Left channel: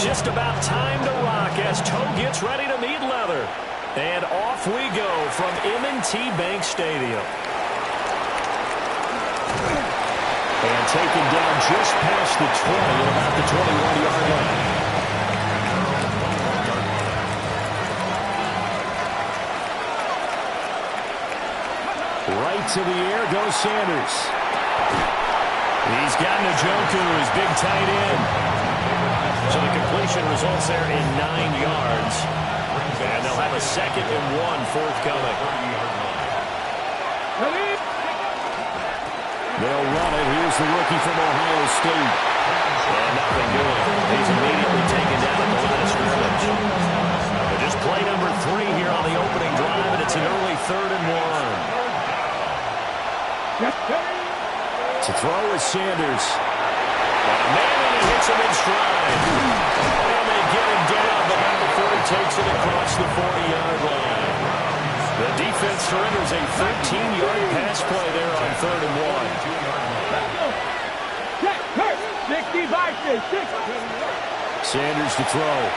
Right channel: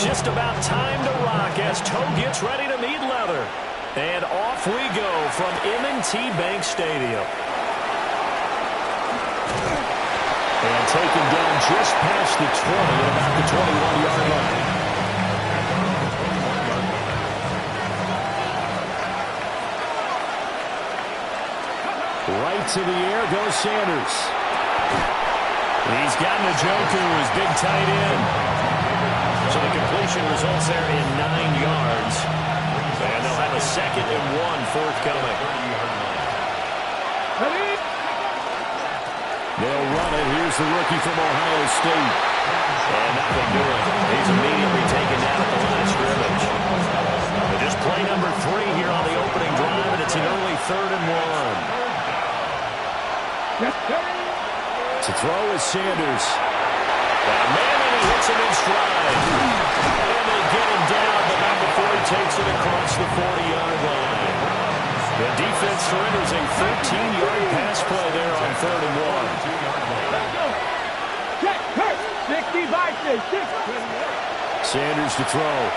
Just about time to rock as toe gets ready to meet leather. And off we go from M&T Bank Stadium. And taken down just past the 20 at about the 21-yard line. Right to the air goes Sanders. He's got Njoku, his big tight end. So the completion results there in 9 yards. And they'll have a 2nd and 1 forthcoming. They'll run it. Here's the rookie from Ohio State. And nothing doing. He's immediately taken down at the line of scrimmage. But just play number 3 here on the opening drive, and it's an early 3rd and 1. To throw is Sanders. Got a man, and he hits him in stride. And they get him down, but not before he takes it across the 40-yard line. The defense surrenders a 13-yard pass play there on 3rd and 1. Sanders to throw.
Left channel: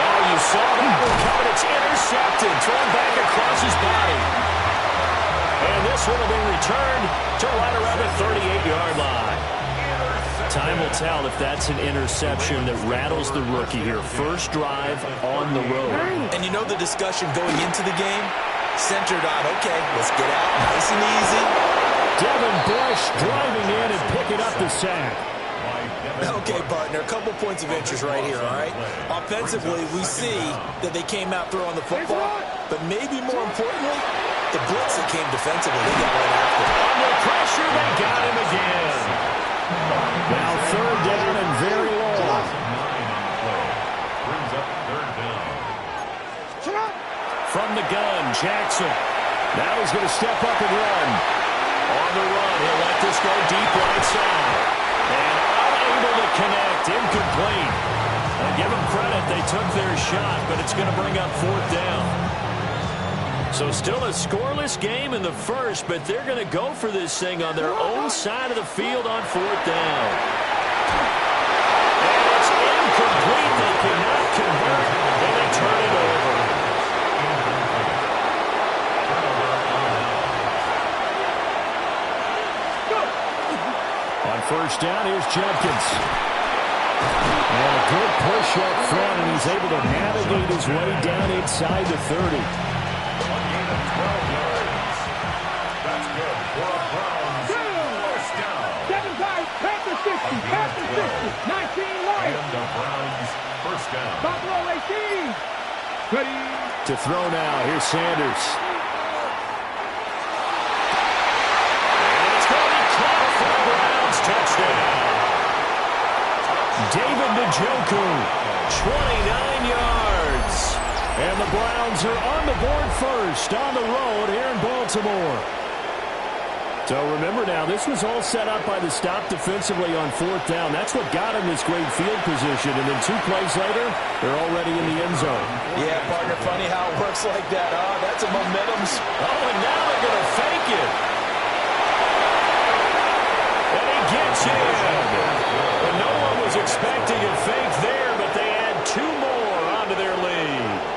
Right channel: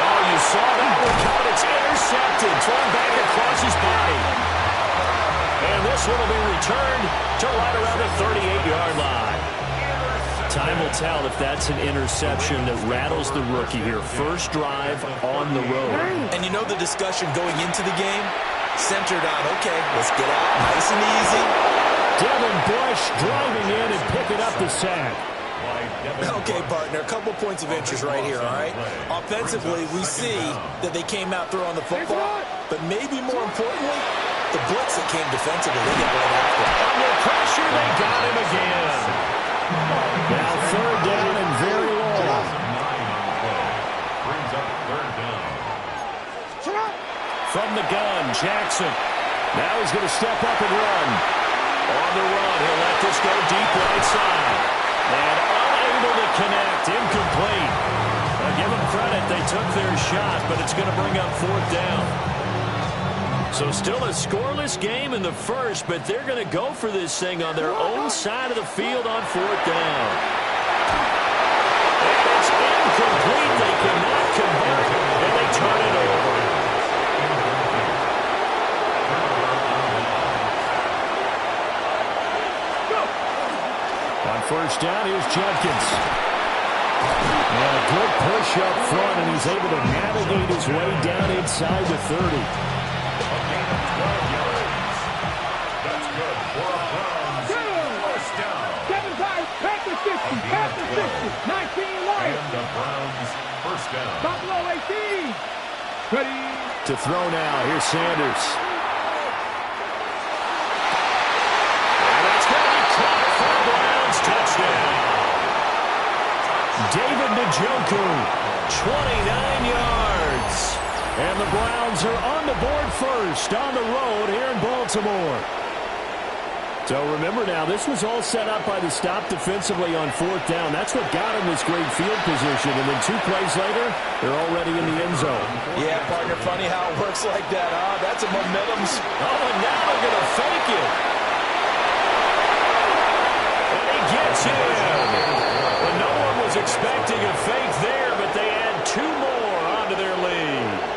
Oh, you saw that one coming. It's intercepted. Thrown back across his body. And this one will be returned to right around the 38-yard line. Time will tell if that's an interception that rattles the rookie here. First drive on the road. And you know the discussion going into the game? Centered on, okay, let's get out nice and easy. Devin Bush driving in and picking up the sack. Okay, partner, a couple points of interest right here, all right? Offensively, we see that they came out throwing the football, but maybe more importantly, the blitz that came defensively, they got right after. Under pressure, they got him again. Now 3rd down and very long. Brings up 3rd down. From the gun, Jackson. Now he's going to step up and run. On the run, he'll let this go deep right side. And unable to connect, incomplete. Give them credit, they took their shot, but it's going to bring up 4th down. So still a scoreless game in the first, but they're going to go for this thing on their own side of the field on 4th down. And it's incomplete. They cannot convert, and they turn it over. On 1st down, here's Judkins. And a good push up front, and he's able to navigate his way down inside the 30. A gain of 12 yards. That's good for a Browns 1st down. 7-5, past the 60, past the 60, 19 light. And the Browns 1st down. Buffalo 18. Ready. To throw now, here's Sanders. And it's going to be caught for a Browns touchdown. David Njoku, 29 yards. And the Browns are on the board first on the road here in Baltimore. So remember now, this was all set up by the stop defensively on 4th down. That's what got them this great field position. And then 2 plays later, they're already in the end zone. Yeah, partner, funny how it works like that, huh? That's a momentum. Oh, and now they're going to fake it. And he gets in. But no one was expecting a fake there, but they add 2 more onto their lead.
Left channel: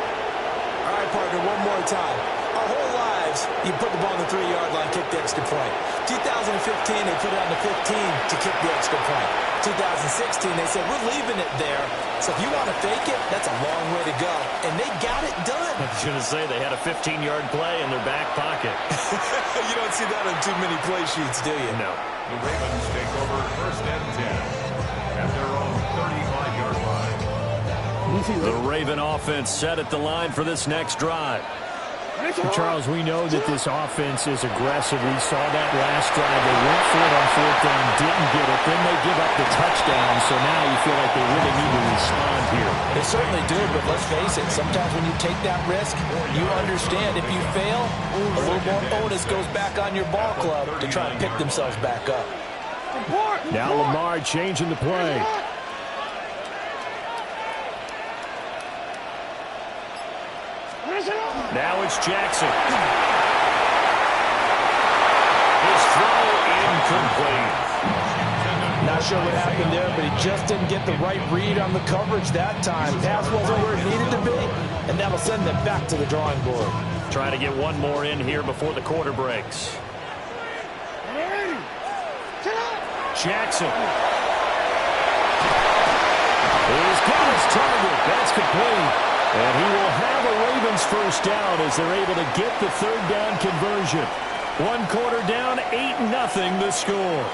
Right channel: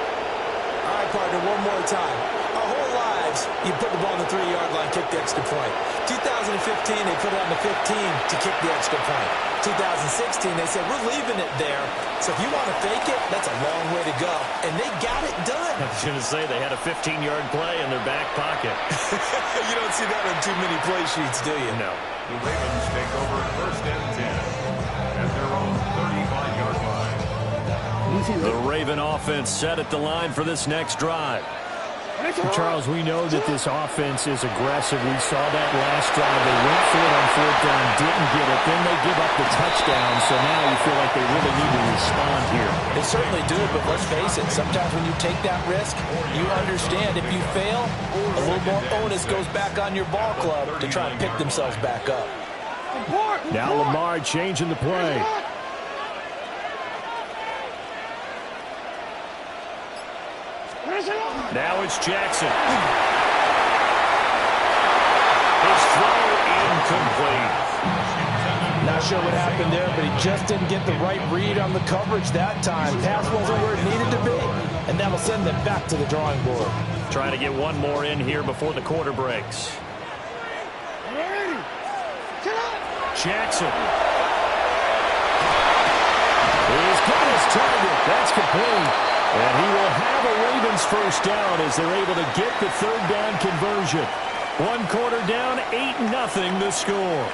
All right, partner, one more time. Our whole lives, you put the ball on the 3-yard line, kick the extra point. 2015, they put it on the 15 to kick the extra point. 2016, they said, we're leaving it there. So if you want to fake it, that's a long way to go. And they got it done. I was going to say, they had a 15-yard play in their back pocket. You don't see that on too many play sheets, do you? No. The Ravens take over 1st and 10 at their own 35-yard line. The Raven offense set at the line for this next drive. Charles, we know that this offense is aggressive. We saw that last drive. They went for it on 4th down, didn't get it. Then they give up the touchdown. So now you feel like they really need to respond here. They certainly do, but let's face it. Sometimes when you take that risk, you understand if you fail, a little more onus goes back on your ball club to try and pick themselves back up. Now Lamar changing the play. Now it's Jackson. His throw incomplete. Not sure what happened there, but he just didn't get the right read on the coverage that time. Pass wasn't where it needed to be, and that'll send them back to the drawing board. Trying to get one more in here before the quarter breaks. Jackson. He's got his target. That's complete. And he will have a Ravens first down as they're able to get the third down conversion. 1 quarter down, 8-0 the score.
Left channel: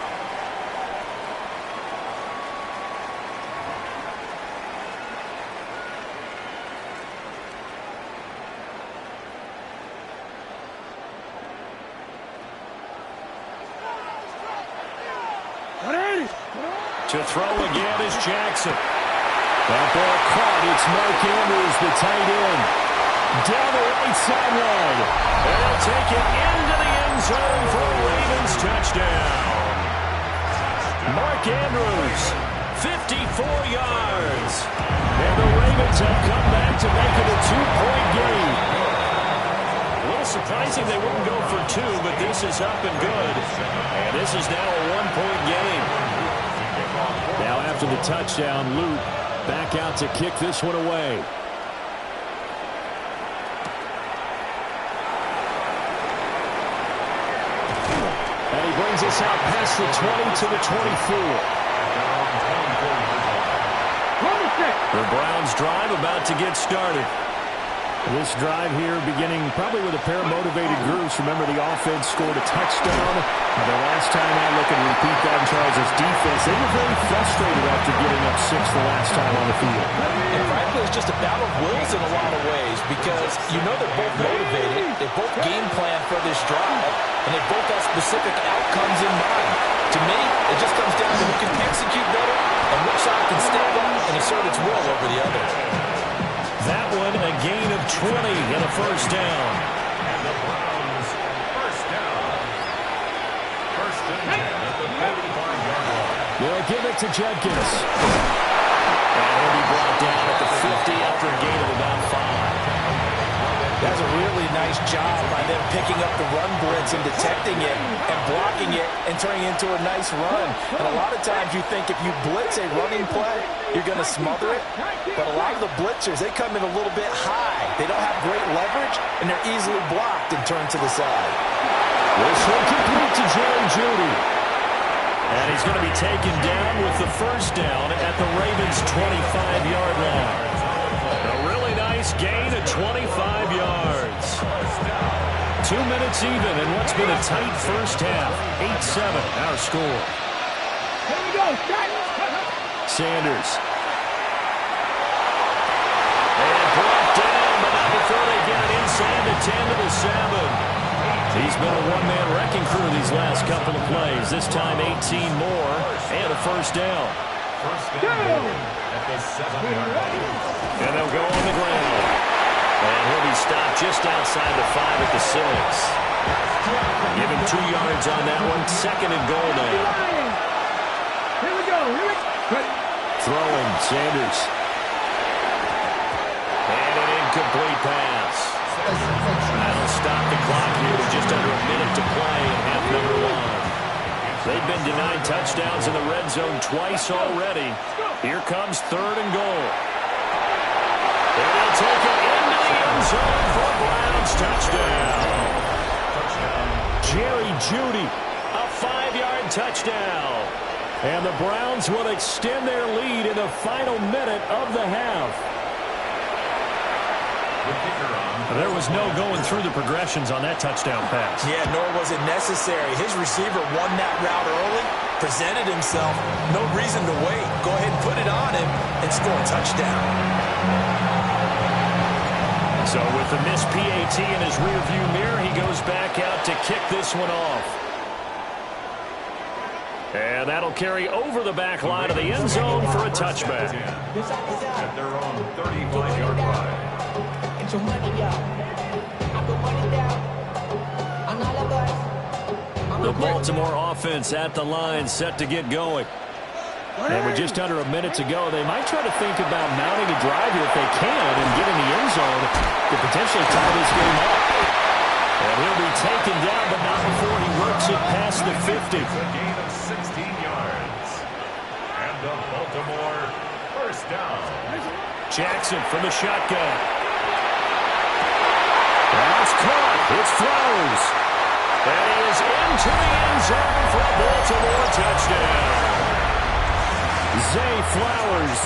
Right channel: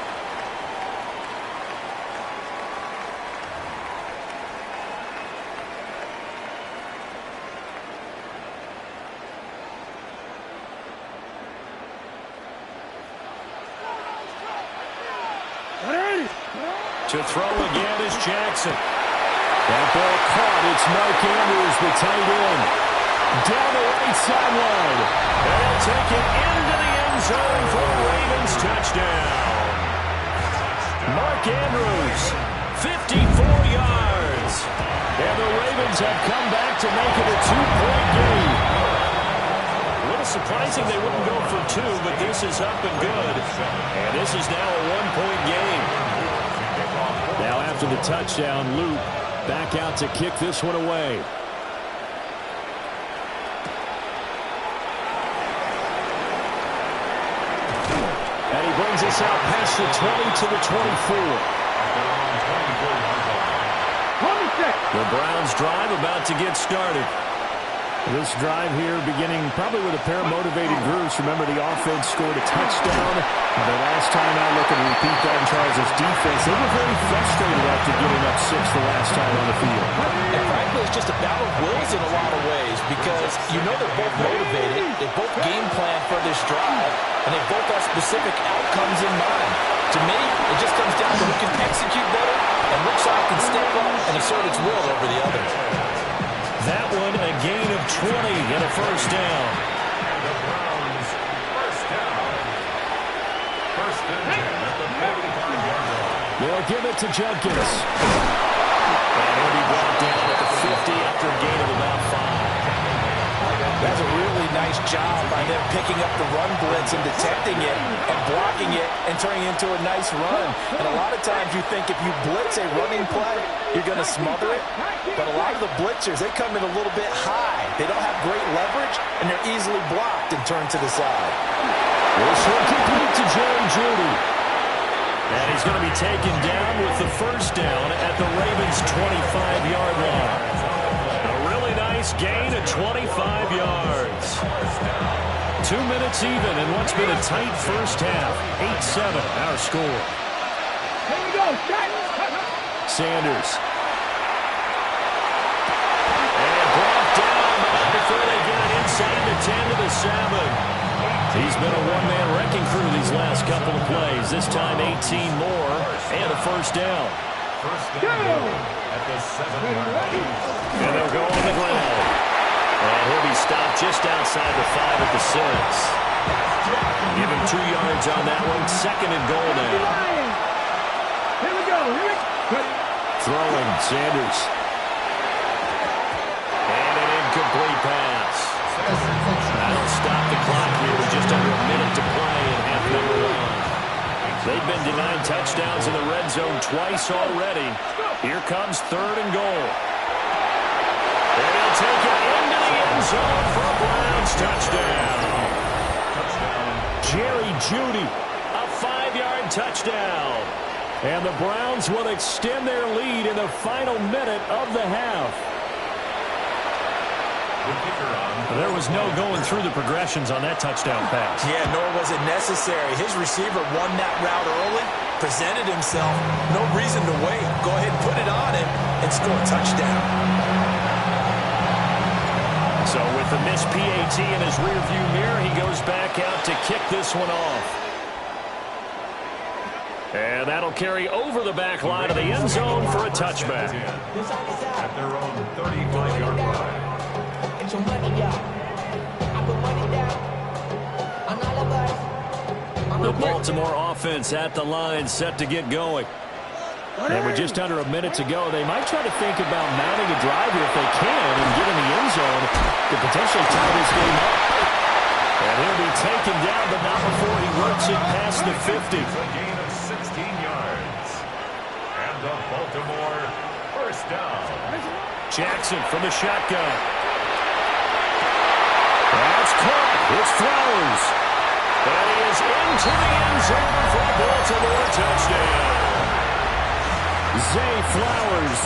To throw again is Jackson. That ball caught. It's Mark Andrews, the tight end. Down the right sideline. And he'll take it into the end zone for a Ravens touchdown. Mark Andrews, 54 yards. And the Ravens have come back to make it a 2-point game. A little surprising they wouldn't go for 2, but this is up and good. And this is now a 1-point game. Now after the touchdown, Luke back out to kick this one away. And he brings us out past the 20 to the 24. The Browns drive about to get started. This drive here beginning probably with a pair of motivated groups. Remember, the offense scored a touchdown. Their last time out, looking to repeat that in Charles' defense. They were very frustrated after giving up 6 the last time on the field. And frankly, it's just a battle of wills in a lot of ways because you know they're both motivated. They both game plan for this drive, and they both have specific outcomes in mind. To me, it just comes down to who can execute better and which side can step up and assert its will over the other. That one a gain of 20 and a first down. And the Browns first down. First and 10 at the 45-yard line. They'll give it to Judkins. And he'll be brought down at the 50 after a gain of about 5. That's a really nice job by them picking up the run blitz and detecting it and blocking it and turning it into a nice run. And a lot of times you think if you blitz a running play, you're going to smother it. But a lot of the blitzers, they come in a little bit high. They don't have great leverage, and they're easily blocked and turned to the side. This one complete to Jerry Jeudy. And he's going to be taken down with the first down at the Ravens' 25-yard line. A really nice gain of 25 yards. 2 minutes even in what's been a tight first half. 8-7 our score. Here we go. Sanders. And brought down, but not before they get it inside the 10 to the 7. He's been a one-man wrecking crew these last couple of plays. This time 18 more and a first down. First down at the 7-yard line. And they'll go on the ground. And he'll be stopped just outside the 5 at the 6. Give him 2 yards on that one. Second and goal now. Here we go. Ready. Throwing, Sanders. And an incomplete pass. That'll stop the clock here with just under a minute to play in half number 1. They've been denied touchdowns in the red zone twice already. Here comes third and goal. And he'll take it into the end zone for a Browns touchdown. Jerry Jeudy, a 5-yard touchdown. And the Browns will extend their lead in the final minute of the half. There was no going through the progressions on that touchdown pass. Yeah, nor was it necessary. His receiver won that route early, presented himself. No reason to wait. Go ahead and put it on him and score a touchdown. So with the missed PAT in his rearview mirror, he goes back out to kick this one off. And that'll carry over the back line of the end zone for a touchback. At their own 35-yard line. Get your money out. I put money down on all of us. The Baltimore offense at the line, set to get going. And with just under a minute to go, they might try to think about mounting a drive here if they can and get in the end zone to potentially tie this game up. And he'll be taken down, but not before he works it past the 50. It's a gain of 16 yards. And the Baltimore first down. Jackson from the shotgun. That's caught. It's Flowers. And he is into the end zone for a Baltimore touchdown. Zay Flowers,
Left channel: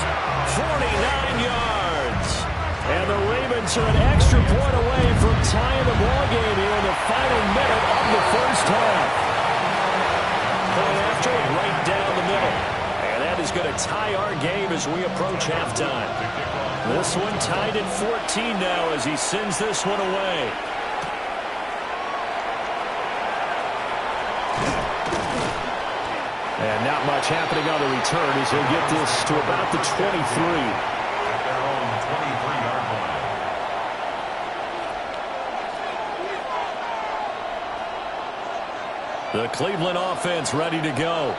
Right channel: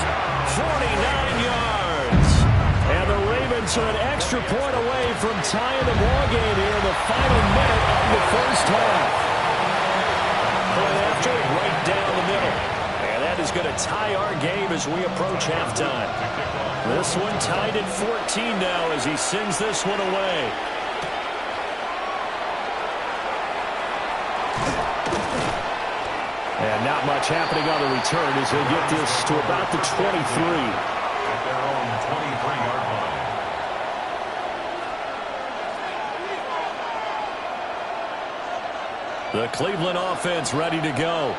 49 yards. And the Ravens are an extra point away from tying the ball game here in the final minute of the first half. Point after, right down the middle. And that is going to tie our game as we approach halftime. This one tied at 14 now as he sends this one away. And not much happening on the return as he'll get this to about the 23. At their own 23-yard line. The Cleveland offense ready to go.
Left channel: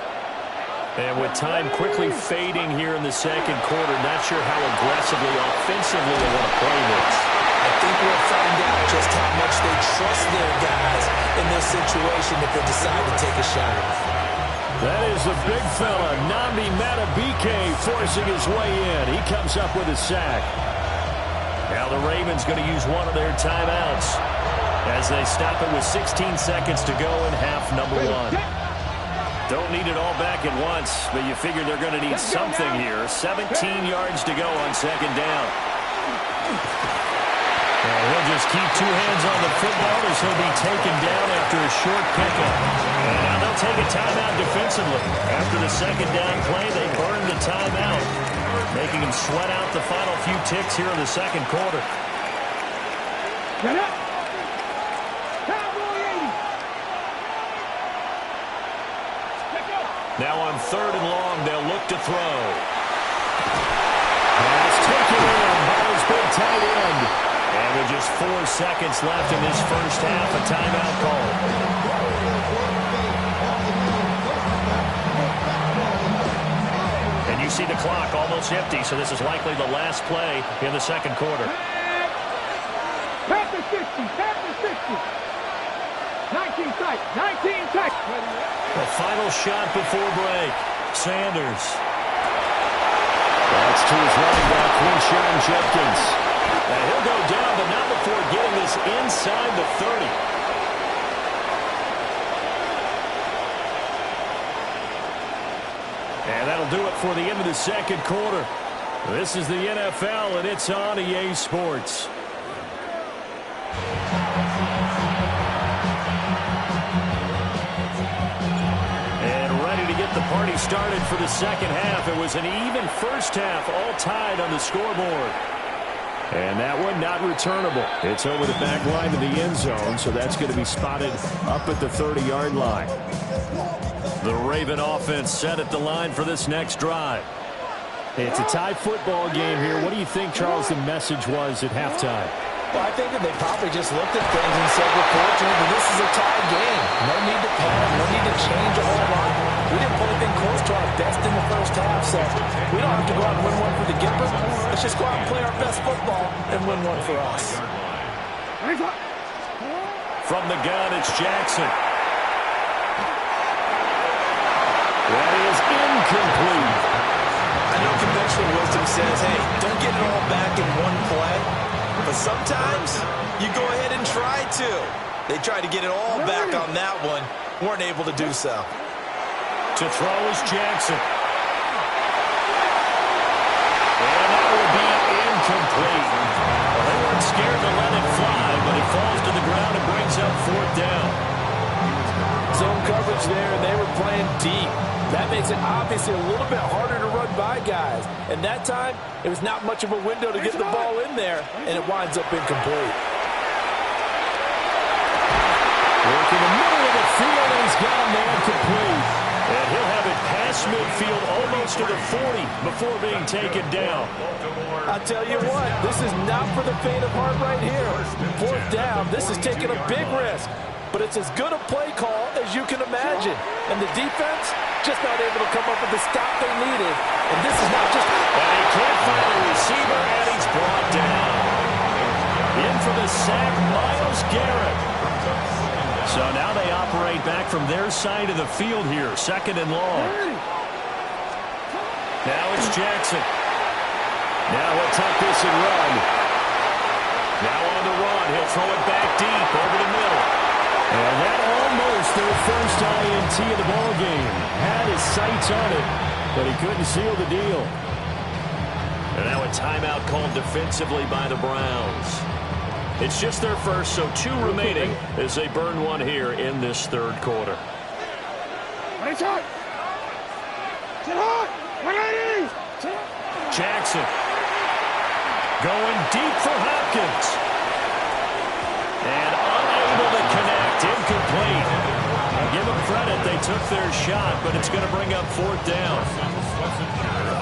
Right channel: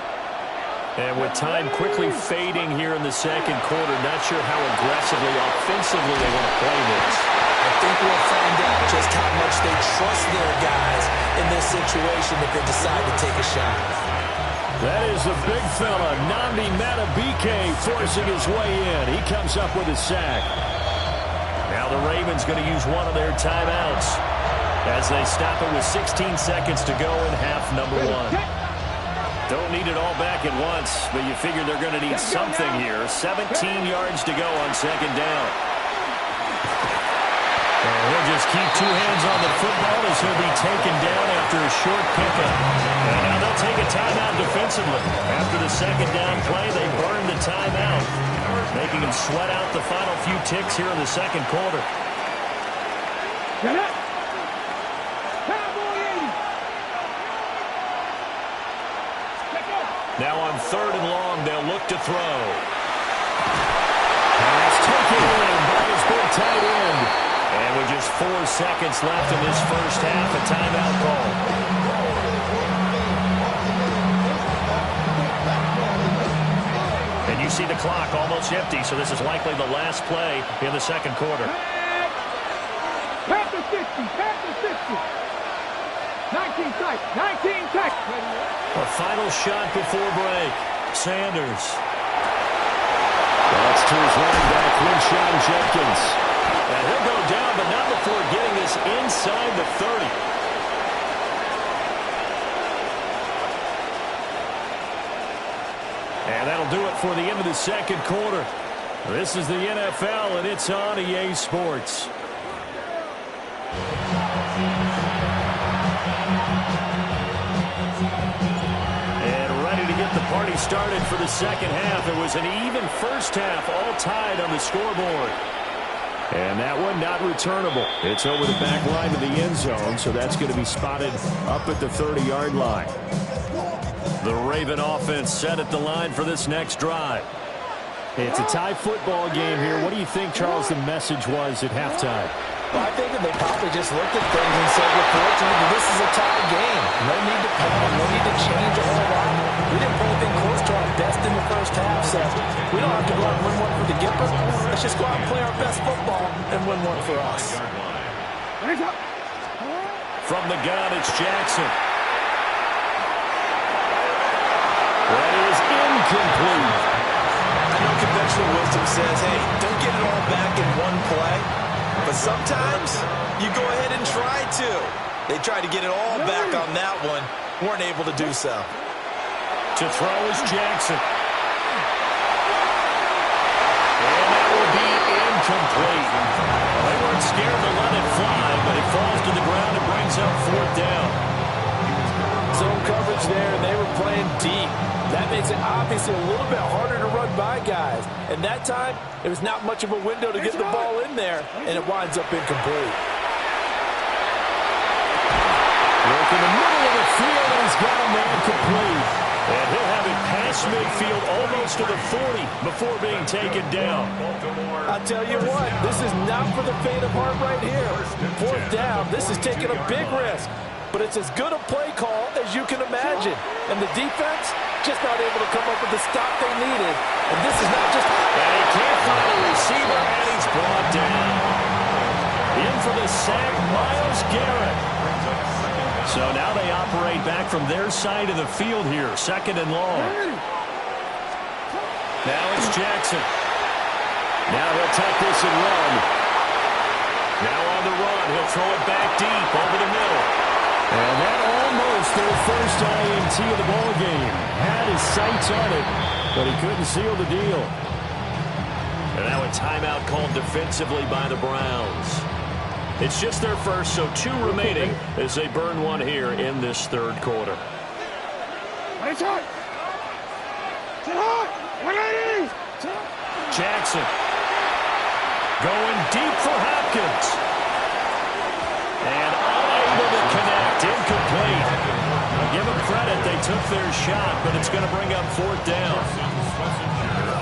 And with time quickly fading here in the second quarter, not sure how aggressively, offensively they want to play this. I think we'll find out just how much they trust their guys in this situation if they decide to take a shot. That is the big fella, Nnamdi Madubuike, forcing his way in. He comes up with a sack. Now the Ravens going to use one of their timeouts as they stop it with 16 seconds to go in half number one. Don't need it all back at once, but you figure they're going to need something here. 17 yards to go on second down. And he'll just keep two hands on the football as he'll be taken down after a short pickup. And now they'll take a timeout defensively. After the second down play, they burn the timeout, making him sweat out the final few ticks here in the second quarter. Get up. Cowboy 80. Let's go. Now on third and long, they'll look to throw. Pass taken in by his big tight end. And with just 4 seconds left in this first half, a timeout call. And you see the clock almost empty, so this is likely the last play in the second quarter. Past the 60, past the 60. 19 tight, 19 tight. A final shot before break. Sanders. That's to his running back, Quinshon Judkins. And he'll go down, but not before getting this inside the 30. And that'll do it for the end of the second quarter. This is the NFL, and it's on EA Sports. And ready to get the party started for the second half. It was an even first half, all tied on the scoreboard. And that one not returnable. It's over the back line of the end zone, so that's going to be spotted up at the 30-yard line. The Raven offense set at the line for this next drive. It's a tie football game here. What do you think, Charles, the message was at halftime? Well, I think that they probably just looked at things and said, we're fortunate that this is a tie game. No need to panic, no need to change a whole lot. We didn't play anything close to our best in the first half, so we don't have to go out and win one for the Gipper. Let's just go out and play our best football and win one for us. From the gun, it's Jackson. That is incomplete. I know conventional wisdom says, hey, don't get it all back in one play. But sometimes you go ahead and try to. They tried to get it all back on that one. Weren't able to do so. To throw is Jackson. And that will be incomplete. Well, they weren't scared to let it fly, but it falls to the ground and brings up fourth down. Zone coverage there, and they were playing deep. That makes it obviously a little bit harder to run by guys. And that time, it was not much of a window to get the ball in there, and it winds up incomplete. Work in the middle of the field, and he's got a man complete. And he'll have it past midfield almost to the 40 before being taken down. I'll tell you what, this is not for the faint of heart right here. Fourth down, this is taking a big risk. But it's as good a play call as you can imagine. And the defense just not able to come up with the stop they needed. And this is not just... And he can't find a receiver, and he's brought down. In for the sack, Myles Garrett. So now they operate back from their side of the field here, 2nd and long. Now it's Jackson. Now he'll tuck this and run. Now on the run, he'll throw it back deep over the middle. And that almost their first INT of the ball game. Had his sights on it, but he couldn't seal the deal. And now a timeout called defensively by the Browns. It's just their first, so 2 remaining as they burn one here in this 3rd quarter. Jackson going deep for Hopkins. And unable to connect, incomplete. I'll give them credit, they took their shot, but it's going to bring up 4th down.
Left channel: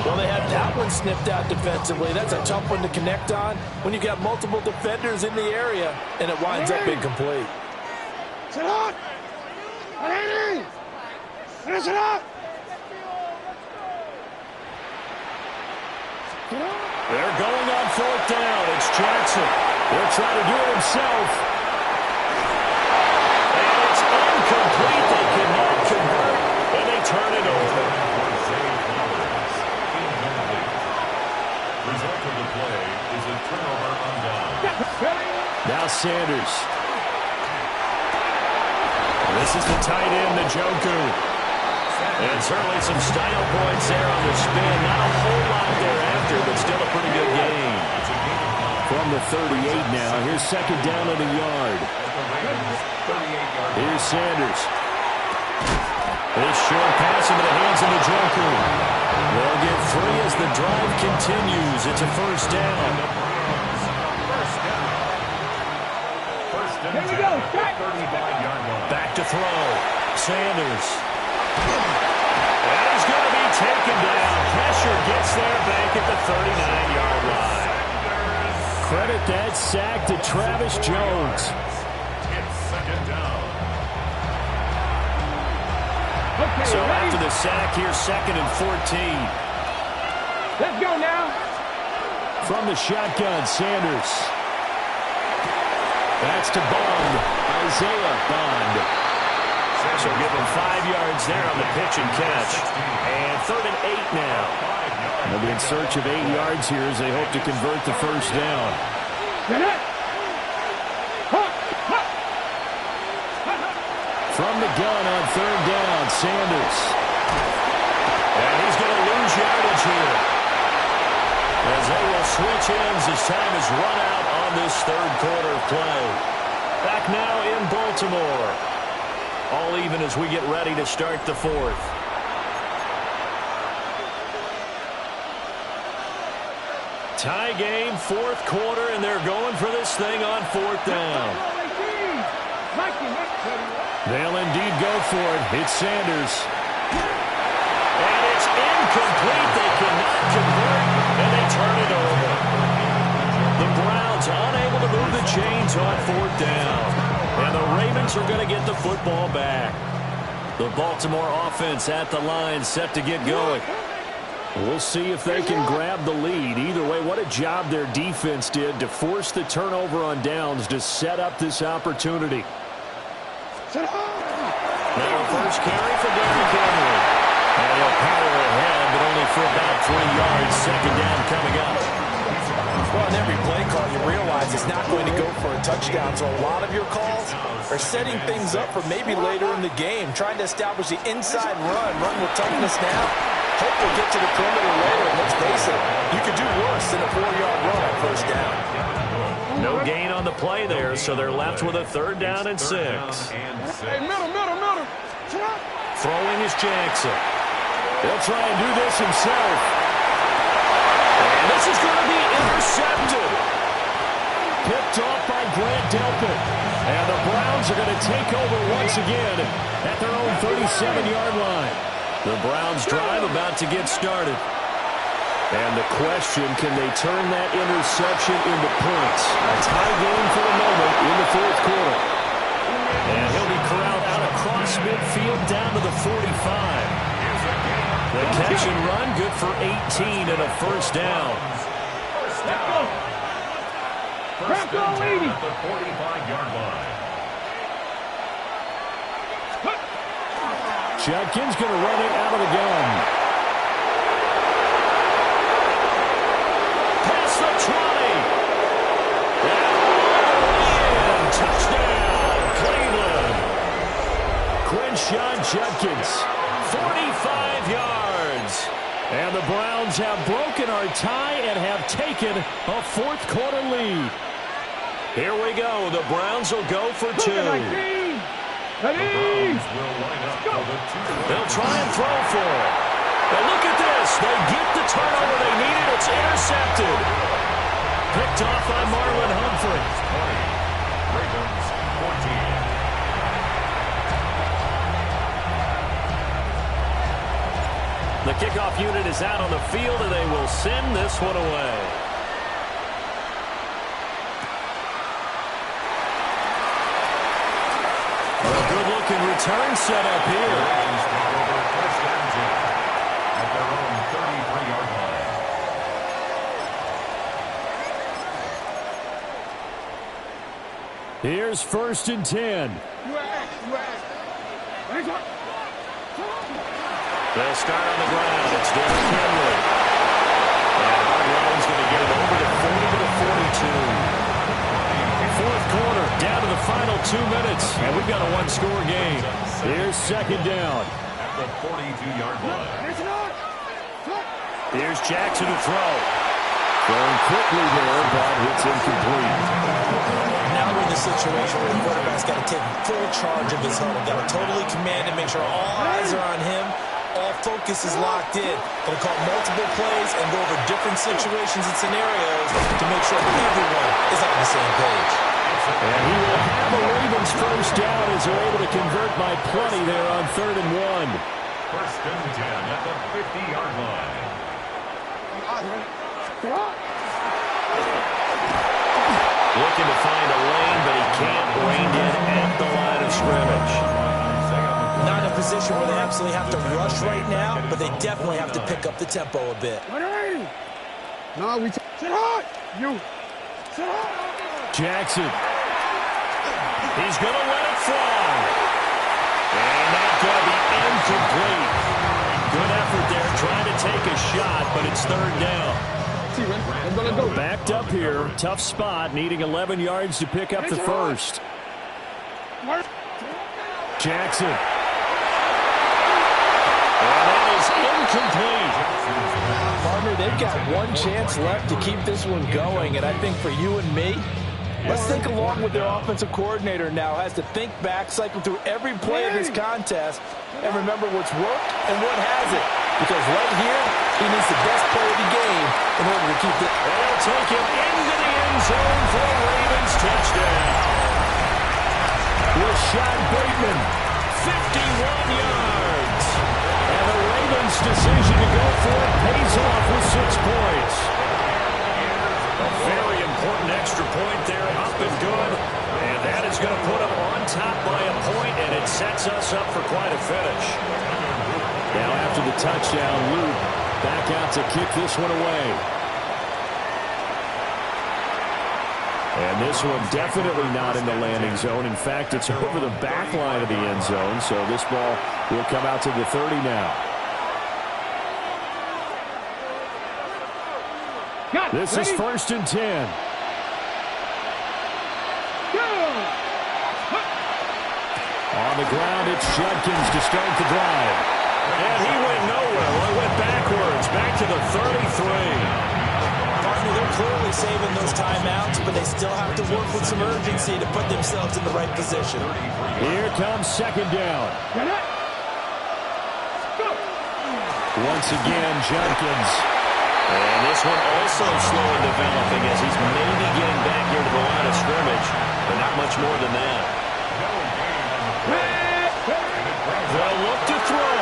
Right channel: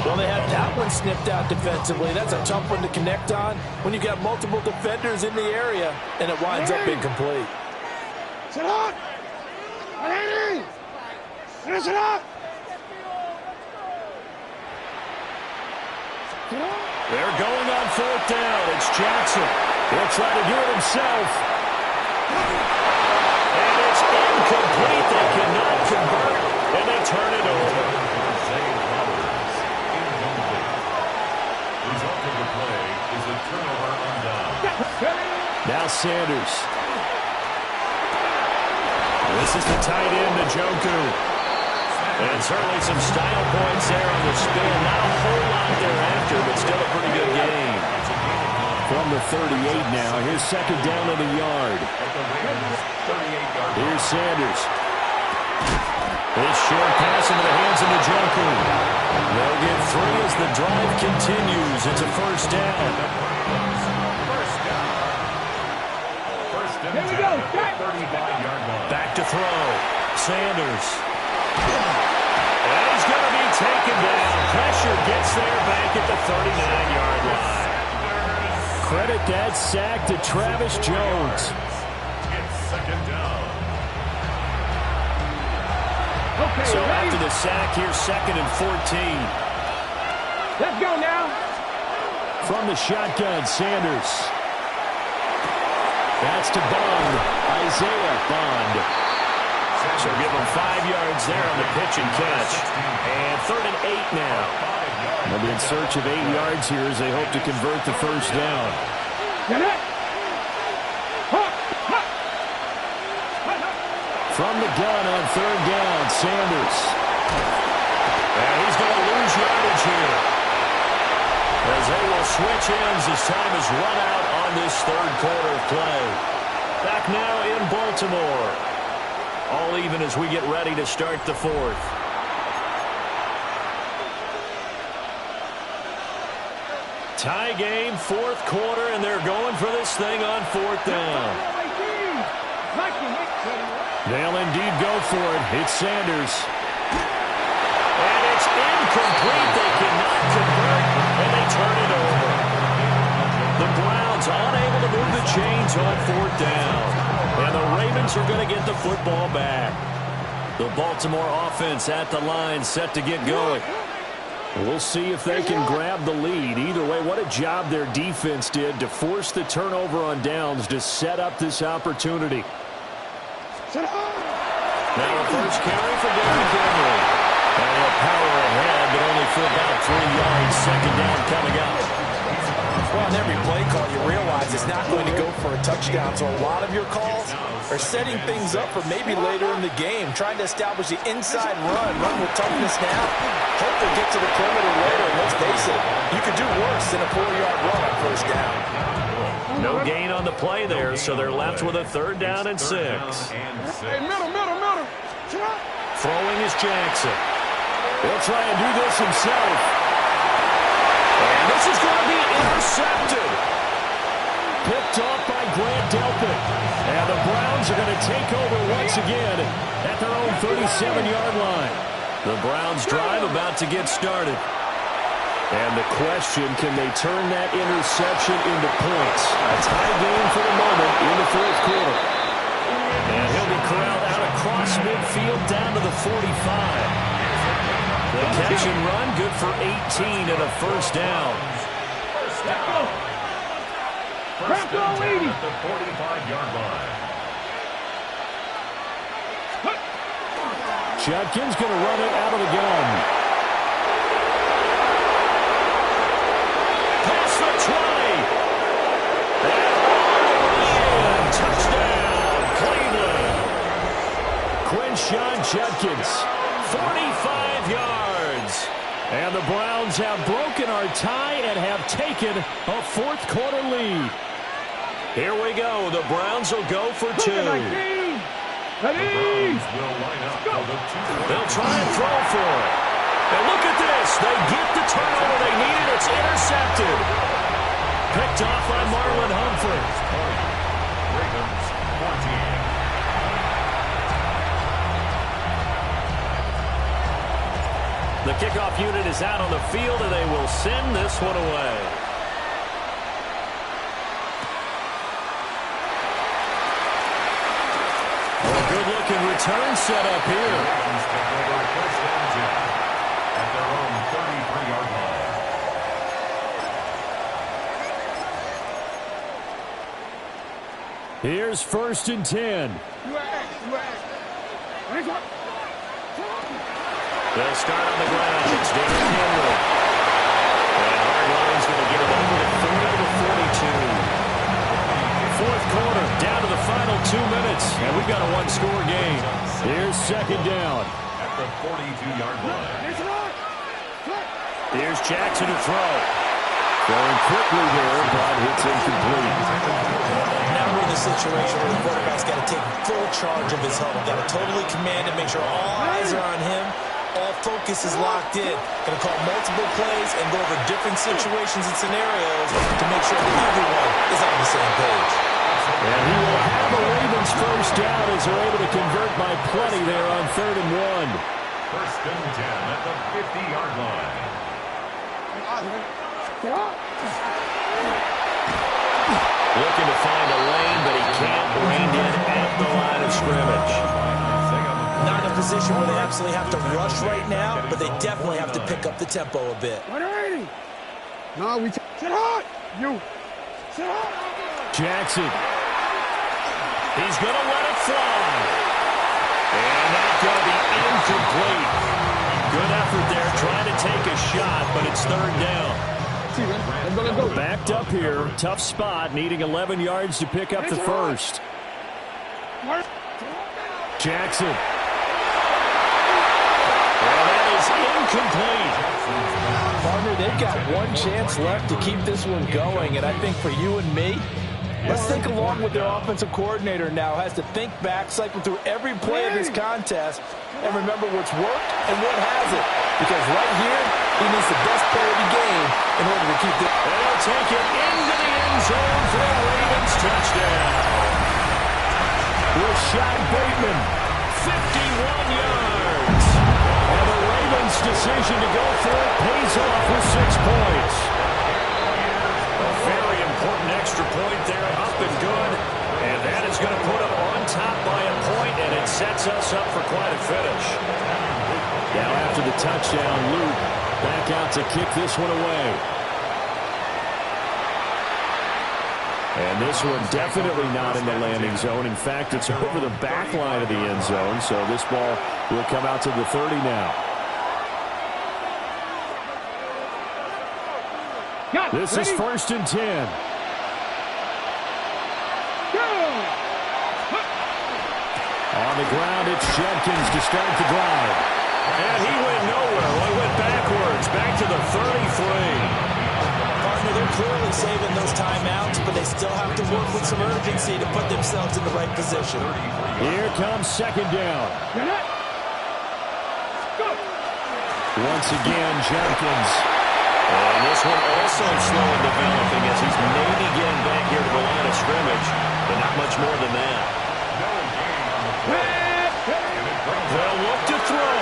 Well, they had that one snipped out defensively. That's a tough one to connect on when you've got multiple defenders in the area, and it winds up incomplete. They're going on 4th down. It's Jackson. He'll try to do it himself. And it's incomplete. They cannot convert, and they turn it over. Result of the play is a turnover on down. Now Sanders. This is the tight end, Njoku. And certainly some style points there on the spin. Not a whole lot thereafter, but still a pretty good game. From the 38 now, here's 2nd down and a yard. Here's Sanders. This short pass into the hands of Njoku. They'll get 3 as the drive continues. It's a 1st down. Here we go, Scott. Back to throw. Sanders. And he's going to be taken down. Pressure gets there back at the 39-yard line. Credit that sack to Travis Jones. It's 2nd down. Okay, So ready? after the sack, here's 2nd and 14. Let's go now. From the shotgun, Sanders. That's to Bond. Isaiah Bond. So give him 5 yards there on the pitch and catch. And 3rd and 8 now. They'll be in search of 8 yards here as they hope to convert the 1st down. Get it. From the gun on 3rd down, Sanders. And he's going to lose yardage here, as they will switch ends as time is run out on this 3rd quarter of play. Back now in Baltimore. All even as we get ready to start the 4th. Tie game, 4th quarter, and they're going for this thing on 4th down. They'll indeed go for it. It's Sanders. And it's incomplete. They cannot convert, and they turn it over. The Browns unable to move the chains on 4th down. And the Ravens are going to get the football back. The Baltimore offense at the line, set to get going. We'll see if they can grab the lead. Either way, what a job their defense did to force the turnover on downs to set up this opportunity. Now a first carry for Derrick Henry. And he'll power ahead, but only for about 3 yards. 2nd down coming up. Well, in every play call, you realize it's not going to go for a touchdown. So a lot of your calls are setting things up for maybe later in the game, trying to establish the inside run with toughness now. Hopefully get to the perimeter later. And let's face it, you could do worse than a 4-yard run on 1st down. No gain on the play there, so they're left with a 3rd down and 6. Hey, middle. Throwing is Jackson. He'll try and do this himself. And this is going to be intercepted. Picked off by Grant Delpit. And the Browns are going to take over once again at their own 37-yard line. The Browns drive about to get started. And the question, can they turn that interception into points? A tie game for the moment in the 4th quarter. And he'll be corralled out across midfield down to the 45. The catch and run, good for 18 and a 1st down. First and 10 at the 45-yard line. Judkins going to run it out of the gun. Past the 20. And all the way in. Touchdown, Cleveland. Quinshon Judkins. 45 yards. And the Browns have broken our tie and have taken a fourth-quarter lead. Here we go. The Browns will go for two. They'll try and throw for it. And look at this. They get the turnover they needed. It's intercepted. Picked off by Marlon Humphrey. 20. Ravens 14. The kickoff unit is out on the field, and they will send this one away. A good-looking return set up here. The Ravens take over first and 10 at their own 33-yard line. Here's first and 10. They'll start on the ground. It's Derrick Henry. And Hardline's going to get him over the 40 to 42. Fourth quarter, down to the final 2 minutes. And we've got a one-score game. Here's second down. At the 42-yard line. Here's Jackson to throw. Throwing quickly there, but it's incomplete. Now we're in the situation where the quarterback's got to take full charge of his huddle. Got to totally command and make sure all eyes are on him. All focus is locked in. Going to call multiple plays and go over different situations and scenarios to make sure everyone is on the same page. And he will have a Ravens first down as they're able to convert by plenty there on 3rd and 1. First and 10 at the 50-yard line. Looking to find a lane, but he can't. Reined in at the line of scrimmage. Not in a position where they absolutely have to rush right now, but they definitely have to pick up the tempo a bit. 180. No, we sit hard. You sit hard. Jackson. He's going to let it fly. And that's going to be incomplete. Good effort there trying to take a shot, but it's third down. Backed up here. Tough spot, needing 11 yards to pick up the first. Jackson. And that is incomplete. Partner, they've got one chance left to keep this one going, and I think for you and me, let's think along with their offensive coordinator now. Has to think back, cycle through every play of this contest, and remember what's worked and what hasn't. Because right here, he needs the best play of the game in order to keep this. And he'll take it into the end zone for a Ravens touchdown. Rashad Bateman, 51 yards. and the Ravens' decision to go for it pays off with 6 points. A very important extra point there, up and good. And that is going to put them on top by a point, and it sets us up for quite a finish. Now after the touchdown, Luke back out to kick this one away. And this one definitely not in the landing zone. In fact, it's over the back line of the end zone, so this ball will come out to the 30 now. This is first and 10. On the ground, it's Judkins to start the drive. And he went nowhere. Well, he went backwards, back to the 33. Partner, they're clearly saving those timeouts, but they still have to work with some urgency to put themselves in the right position. Here comes second down. Once again, Judkins. And this one also slow in developing as he's maybe getting back here to the line of scrimmage, but not much more than that. They'll look to throw.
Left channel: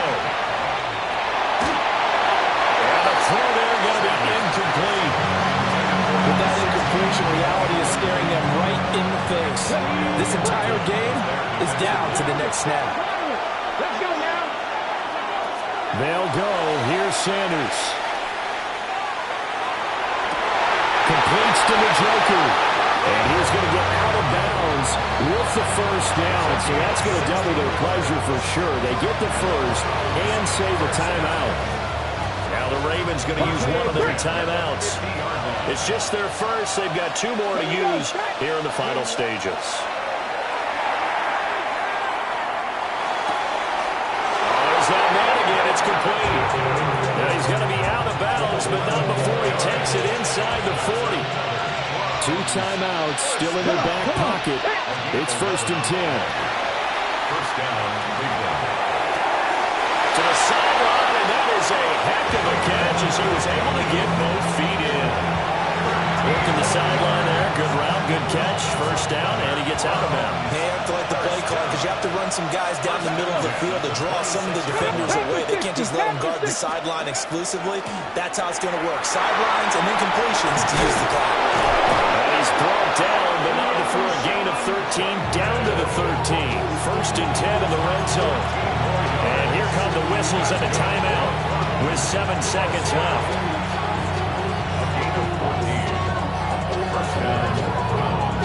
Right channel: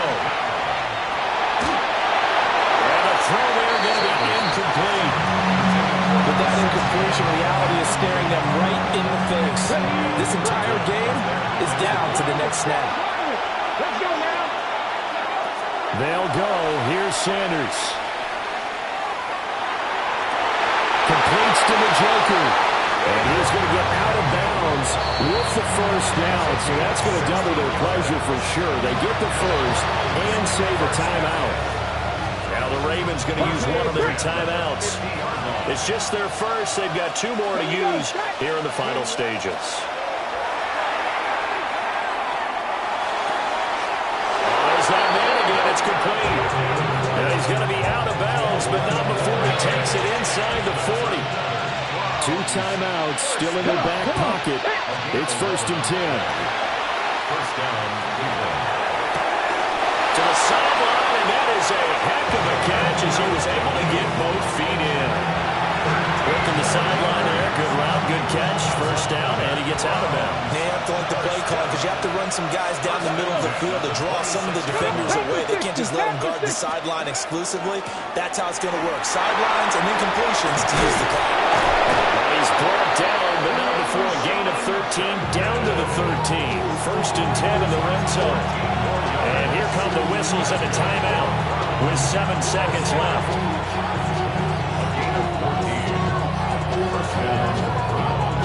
And the throw there going to be incomplete. But that incompletion reality is staring them right in the face. This entire game is down to the next snap. Let's go now. They'll go. Here's Sanders. Completes to Njoku. And he's going to get out of bounds with the first down. So that's going to double their pleasure for sure. They get the first and save a timeout. Now the Ravens going to use one of their timeouts. It's just their first. They've got 2 more to use here in the final stages. Oh, there's that man again. It's complete. Now he's going to be out of bounds, but not before he takes it inside the 40. 2 timeouts still in their back pocket. It's 1st and 10. First down, Cleveland. To the sideline, and that is a heck of a catch as he was able to get both feet in. Working the sideline there. Good route, good catch. First down, and he gets out of bounds. They have to like the play call because you have to run some guys down the middle of the field to draw some of the defenders away. They can't just let them guard the sideline exclusively. That's how it's going to work. Sidelines and then completions to use the clock. And he's brought down, but not before a gain of 13, down to the 13. 1st and 10 in the red zone. And here come the whistles and a timeout with 7 seconds left. A gain of 14. First down, Browns.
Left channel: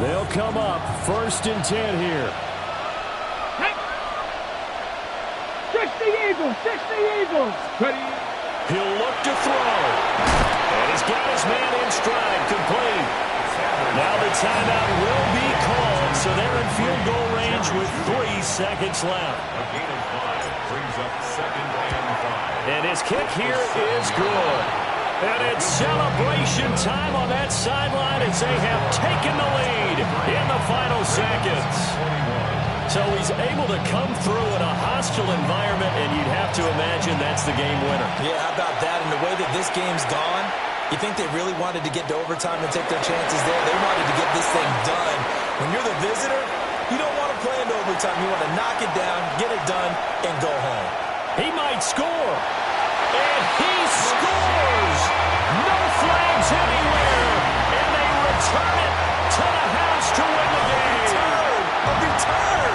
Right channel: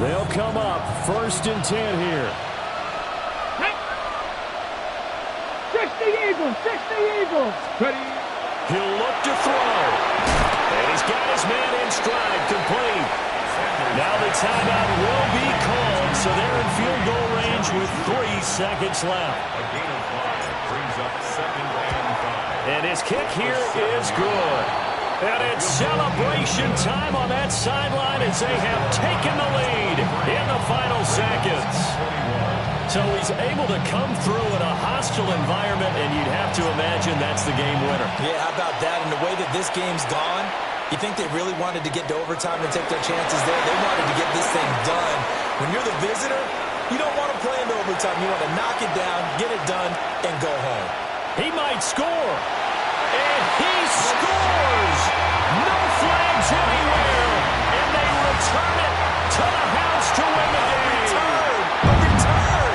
They'll come up 1st and 10 here. 60 Eagles, 60 Eagles. Ready? He'll look to throw. And he's got his man in stride, complete. Now the timeout will be called, so they're in field goal range with 3 seconds left. A gain of 5 brings up 2nd and 5. And his kick here is good. And it's celebration time on that sideline as they have taken the lead in the final seconds. So he's able to come through in a hostile environment, and you'd have to imagine that's the game winner. Yeah, how about that? And the way that this game's gone, you think they really wanted to get to overtime and take their chances there? They wanted to get this thing done. When you're the visitor, you don't want to play into overtime. You want to knock it down, get it done, and go home. He might score. And he scores! No flags anywhere. And they return it to the house to win the game. A return!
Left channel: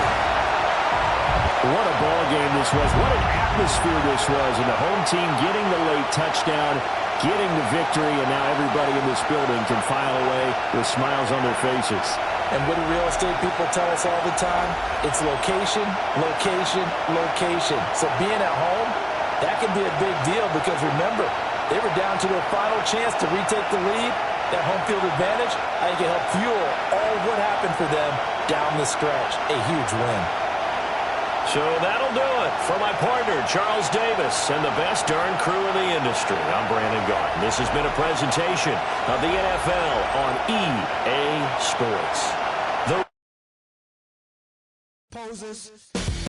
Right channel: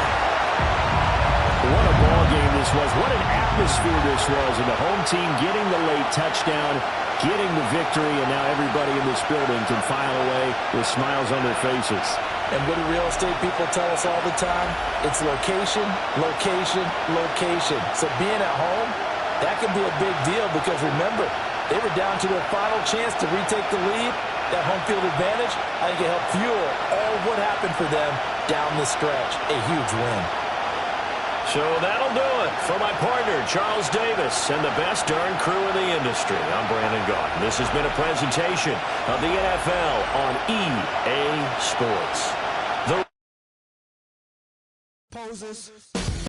What a ball game this was. What an atmosphere this was. And the home team getting the late touchdown, getting the victory, and now everybody in this building can file away with smiles on their faces. And what do real estate people tell us all the time? It's location, location, location. So being at home, that can be a big deal because remember, they were down to their final chance to retake the lead. That home field advantage, I think it helped fuel all what happened for them down the stretch. A huge win. So that'll do it for my partner, Charles Davis, and the best darn crew in the industry. I'm Brandon Gault. This has been a presentation of the NFL on EA Sports. The Poses.